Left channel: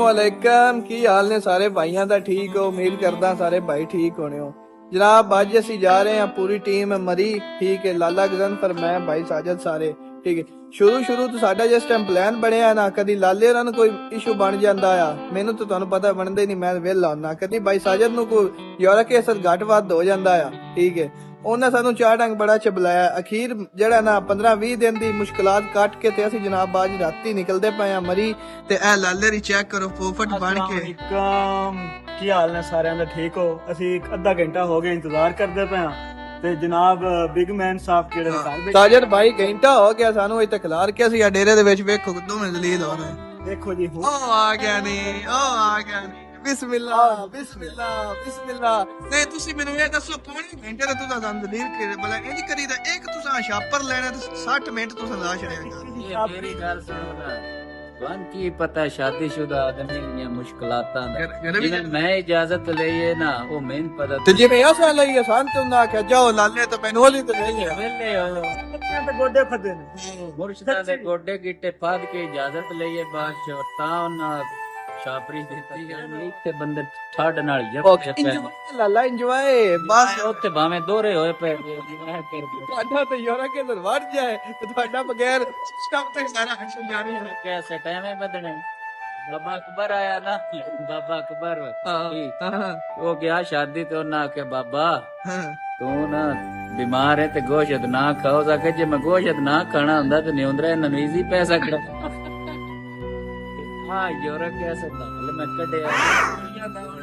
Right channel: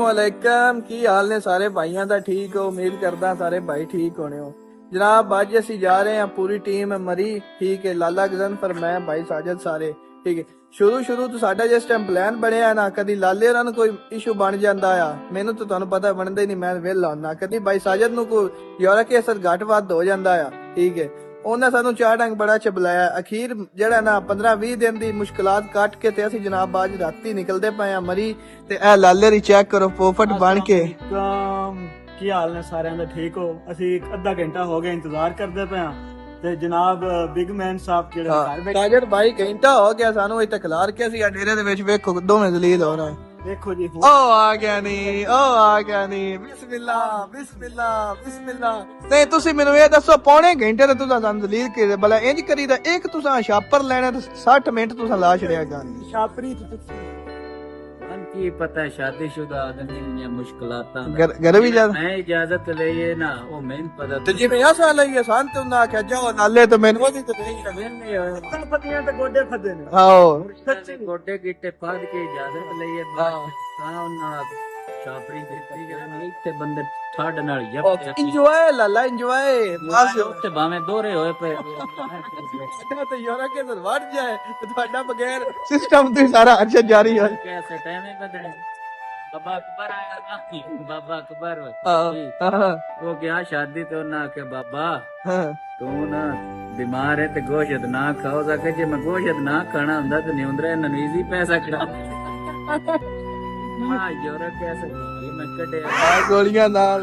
अस्सलामुअलैकुम की हाल ने सारे भाइयों का ठीक हो। उम्मीद करदा सारे भाई ठीक होने हो। जनाब अज असी जा रहे हैं पूरी टीम मरी ठीक है, लाला गजनफर मैं भाई साजिद सारे ठीक है। शुरू तो साडा जिस टाइम प्लान बनया ना कदी लाले होरां नूं कोई इशू बन जांदा आ, मैनू तो तुहानूं पता बनदा ही नहीं, मैं वेला हुन्ना। कदी भाई साजिद नूं कोई यूरिक एसिड घट वध हो जांदा आ ठीक है। उन्हें सानू चार ढंग बड़ा च बुलाया। अखीर जड़ा ना 15-20 दिन दी मुश्किलात कट के ते असी जनाब आज राती निकलदे पए आ मरी ते ए लाले री चेक करो पोपट बन के। की हाल ने सारे दा ठीक हो। असी अद्धा घंटा हो गया इंतजार करदे पे हां ते जनाब बिग मैन साहब जेड़े घर बैठे साजिद भाई घंटा हो गया सानू इत्थे खिलार के असी डेरे दे विच वेखो दोवें दलील हो रहे हैं। देखो जी ओ आ गया नहीं बिस्मिल्लाह बिस्मिल्लाह बिस्मिल्लाह। नहीं तुसी मेनू ये दसो पौने घंटे ते तुसा सानू दलील के भला इंज करीदा एक तुसा शापर लेना ते 60 मिनट तुसा ला छड़िया जा। वन की पता शादीशुदा आदमी दी मुश्किलातां घर भी जा मैं इजाजत लईए ना ओ मैन पता ते जे मैं आसा लई आसान ते ना क्या जाओ लाले ते मैनू वाली ते नहीं है वेले हो पतियां ते गोडे फदे ने। आओ मुर्शिदा दे गोडे गिट्टे फाद के इजाजत लईए बादशाह तां ना शापरी दित्ती जानी इत्ते बंदे ठड नाल इंजॉय लाला इंजॉय बस उत्ते भाਵੇਂ दोहरे होए पे ਤੁਹਾਡਾ ਤੇ ਯਾਰਾ ਕੇ ਅੰਦਰ ਵੜ ਜਾਏ ਤੇ ਤੁਹਾਡਾ ਬਗੈਰ ਸਿਸਟਮ ਤੇ ਸਾਰਾ ਅਰਸ਼ਦ ਜਾਰੀ ਹੈ। कैसे टाइम है बदने बाबा अकबर आया ना बाबा अकबर वो गया शादी तो ना के बाबा तू ना बीमार है ते गोश्त ना खाओ सके जे मैं गोश्त ना खाना हुंदा ते निउंदरा नवीजी पैसा करा हां योर कैसे गाल मैं कड़े ਗੋਲੀਆਂ ਨਾਲ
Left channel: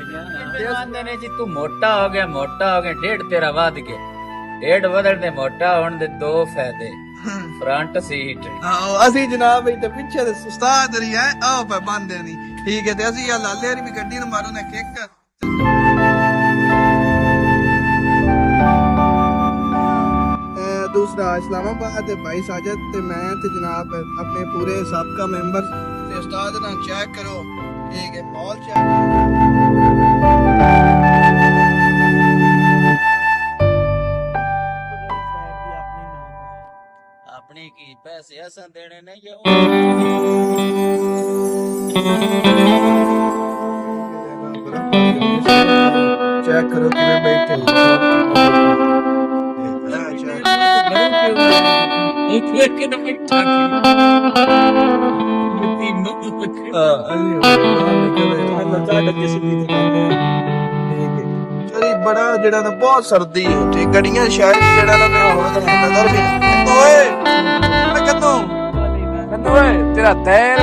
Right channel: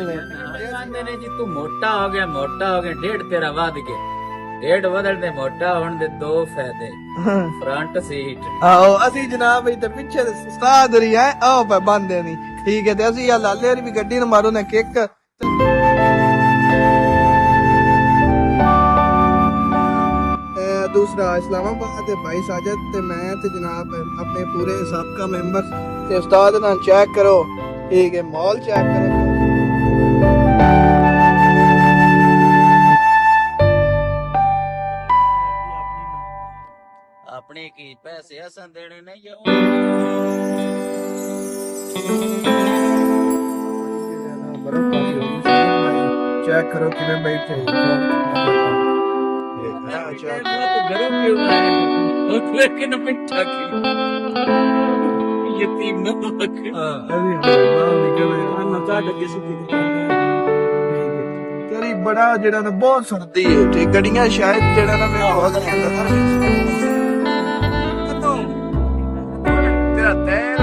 आंदे ने जी तू मोटा हो गया डेढ़ तेरा वध गया डेढ़ बदल दे मोटा होने दे दो फायदे फ्रंट सीट ਆਓ ਅਸੀਂ ਜਨਾਬ ਇੱਥੇ ਪਿੱਛੇ ਦੇ ਉਸਤਾਦ ਰਹੀ ਹੈ ਆਓ ਪਰ ਬੰਦੇ ਨਹੀਂ ਠੀਕ ਹੈ ਤੇ ਅਸੀਂ ਆ ਲਾਲੇ ਦੀ ਵੀ ਗੱਡੀ ਨੂੰ ਮਾਰੋ ਨਾ ਕਿੱਕ। दूसरा इस्लामाबाद भाई साजिद ते मैं ते जनाब अपने पूरे साबका मेंबर ते उस्ताद ना चेक करो ठीक है मॉल चेक करो। अपने की पैसे असन देने नहीं चेक करो किवें बैठे लेकिन मिठा यतीम चली बड़ा जेड़ा ना बहुत सर्दी है ठीक गड़ियां शायद जेड़ा ना मेरे बहुत नजर भी ओए मैं कहता हूं ओए तेरा तैर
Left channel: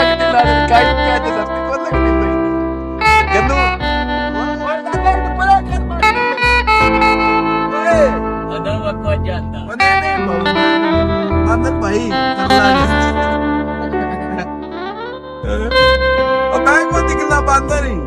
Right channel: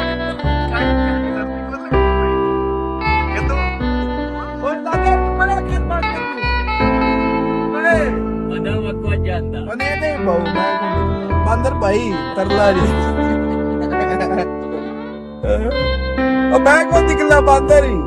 आज दिल आ काई क्या दिल को लग कहता ओए दादा बड़ा कर ओए अदवा को जाता नहीं अंदर भाई तरला और मैं कौन निकला बंदर ही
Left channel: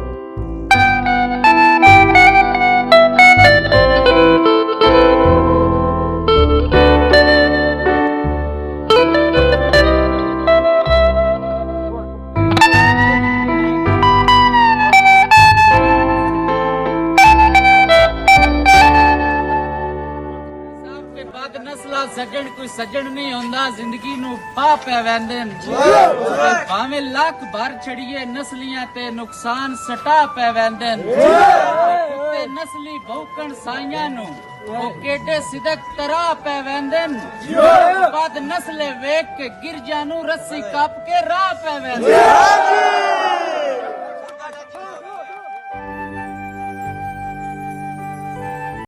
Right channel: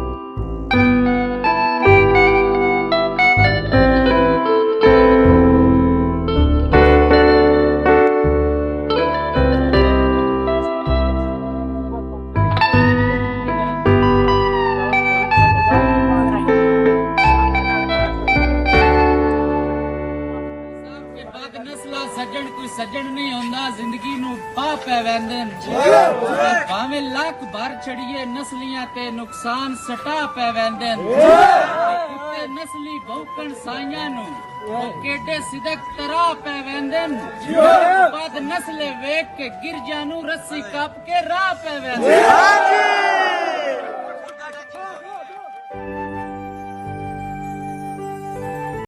सज्जन कोई सज्जन नहीं होंदा जिंदगी नू पा पै वैंदे भावे लख भर छड़िए नस्लियां ते नुकसान सटा पै वैंदे कुत्ते नस्ली भौकण साइयां नू ओ केडे सिदक तरा पै वैंदे बद नस्ले वेख के गिरजा नू रस्सी कप के राह पै वैंदे।